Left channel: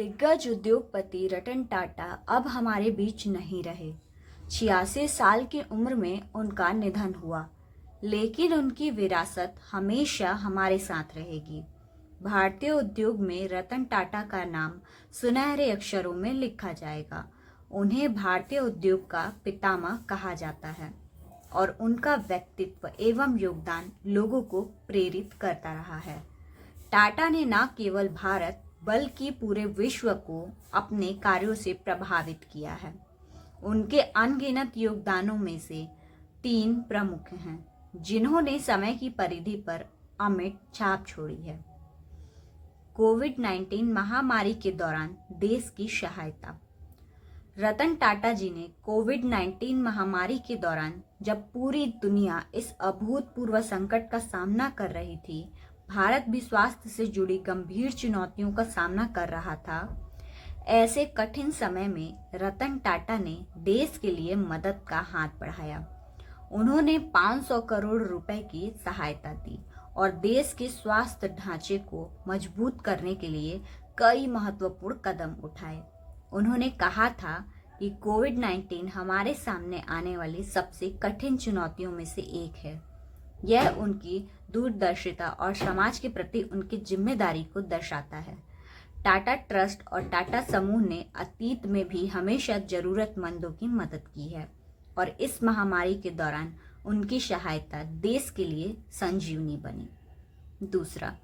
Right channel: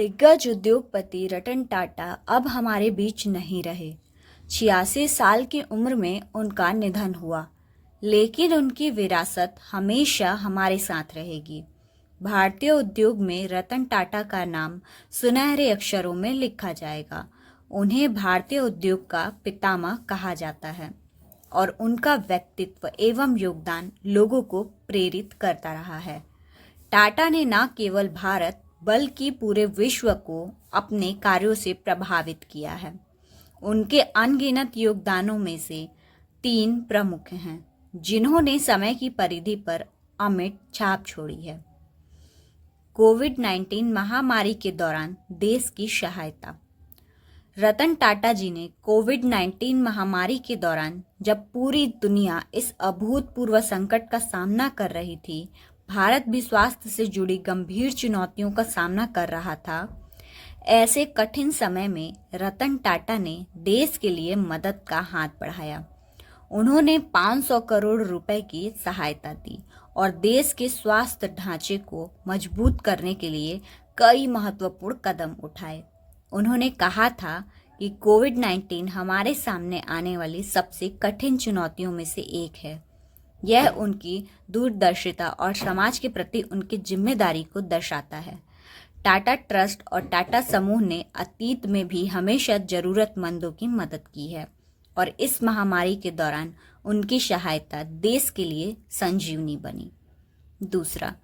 दिग्गज उद्योगपति रतन टाटा अब हमारे बीच नहीं रहे। 86 साल की उम्र में उनका निधन हुआ, लेकिन उनकी विरासत हमेशा हमारे साथ रहेगी। भारतीय उद्योग में रतन टाटा का नाम सुनहरे अक्षरों में लिखा जाएगा। उन्हें भारतीय उद्योग का पितामह कहा जाता है और उनका व्यक्तित्व एवं योगदान लोगों को प्रेरित करता रहा है। टाटा ने न केवल भारत बल्कि पूरे विश्व को अपने कार्यों से प्रभावित किया है। उनके अनगिनत योगदानों में से 3 प्रमुख हैं, जिन्होंने समय की परिधि पर अमिट छाप छोड़ी है। कोविड-19 महामारी के दौरान देश की सहायता। रतन टाटा जी ने कोविड-19 महामारी के दौरान, जब पूरी दुनिया इस अभूतपूर्व संकट का सामना कर रही थी, भारत भी स्वास्थ्य से जुड़ी गंभीर चुनौतियों का सामना कर रहा था, ऐसे कठिन समय में रतन टाटा ने देश के लिए मदद का हाथ बढ़ाया। उन्होंने 500 करोड़ रुपए की सहायता दी और देश के स्वास्थ्य ढांचे को मजबूत करने के लिए कई महत्वपूर्ण कदम उठाए। उन्होंने कहा था कि कोविड-19 हमारे सामने आने वाली सबसे कठिन चुनौतियों में से एक है। यह उनकी दूरदर्शिता और समाज के प्रति उनकी जिम्मेदारी को दर्शाता है। टाटा ट्रस्ट और टाटा समूह ने अतीत में भी हमेशा जरूरतमंदों की मदद की है और इस महामारी के दौरान उनकी सहायता देश के लिए संजीवनी बनी। दूसरा,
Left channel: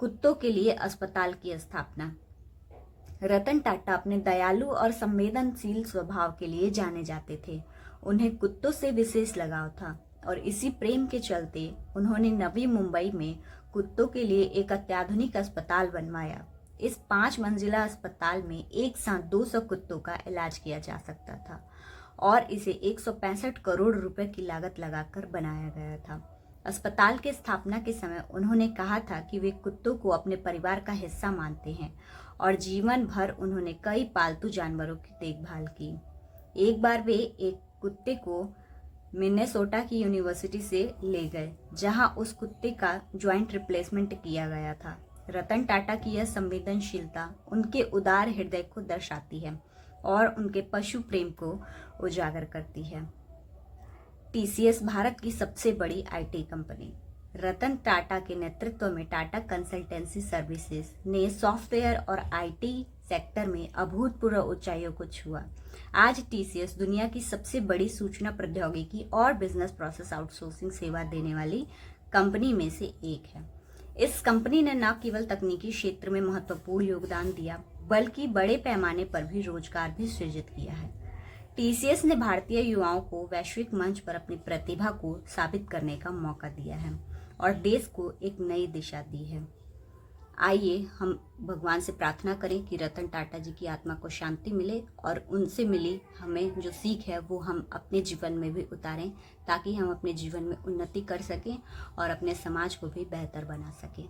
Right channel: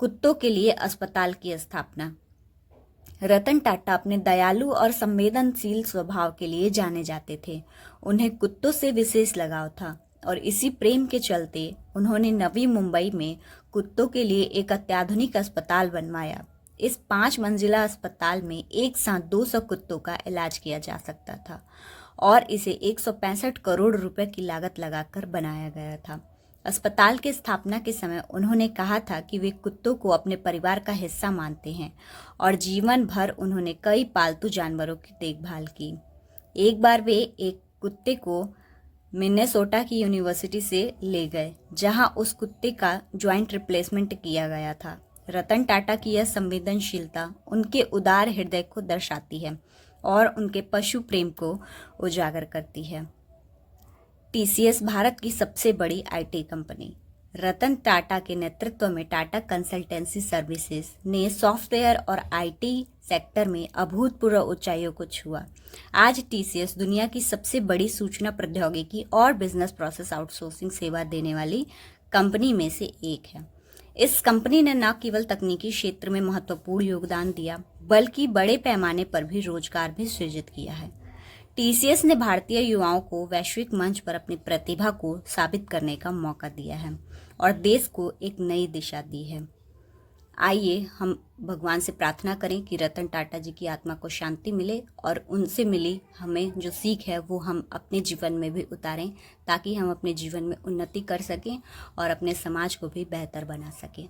कुत्तों के लिए अस्पताल की स्थापना। रतन टाटा अपने दयालु और संवेदनशील स्वभाव के लिए जाने जाते थे। उन्हें कुत्तों से विशेष लगाव था और इसी प्रेम के चलते उन्होंने नवी मुंबई में कुत्तों के लिए एक अत्याधुनिक अस्पताल बनवाया। इस 5 मंजिला अस्पताल में एक साथ 200 कुत्तों का इलाज किया जा सकता था और इसे 165 करोड़ रुपए की लागत लगाकर बनाया गया था। अस्पताल की स्थापना के समय उन्होंने कहा था कि वे कुत्तों को अपने परिवार का हिस्सा मानते हैं और जीवन भर उन्होंने कई पालतू जानवरों की देखभाल की। एक बार वे एक कुत्ते को मिनेसोटा की यूनिवर्सिटी से ले गए, जहां उस कुत्ते का ज्वाइंट रिप्लेसमेंट किया गया था। रतन टाटा की यह संवेदनशीलता उनके उदार हृदय को दर्शाती है और उनके पशु प्रेम को उजागर करती है। टीसीएस भारत की सबसे बड़ी आईटी कंपनी। रतन टाटा के नेतृत्व में टाटा कंसल्टेंसी सर्विसेज ने सॉफ्टवेयर और आईटी सेक्टर में अभूतपूर्व ऊंचाइयों को छुआ। आज टीसीएस दुनिया की सबसे बड़ी सूचना प्रौद्योगिकी और बिजनेस प्रोसेस आउटसोर्सिंग सेवा देने वाली कंपनी में से एक है। इस कंपनी ने न केवल तकनीकी क्षेत्र में महत्वपूर्ण योगदान दिया, बल्कि बड़े पैमाने पर भी रोजगार भी सृजित किया है। टीसीएस ने भारतीय युवाओं को वैश्विक मंच पर अपनी प्रतिभा को साबित करने का मौका दिया है और देश को एक नई दिशा दी है। आइए हम भगवान से प्रार्थना करें कि रतन टाटा जी की आत्मा को शांति मिले और उनसे मिली हमें जो सीख है वो हम अपने जीवन में भी उतारें, ताकि हम अपने जीवन में उन्नति कर सकें और अपने समाज को भी बेहतर बना सकें।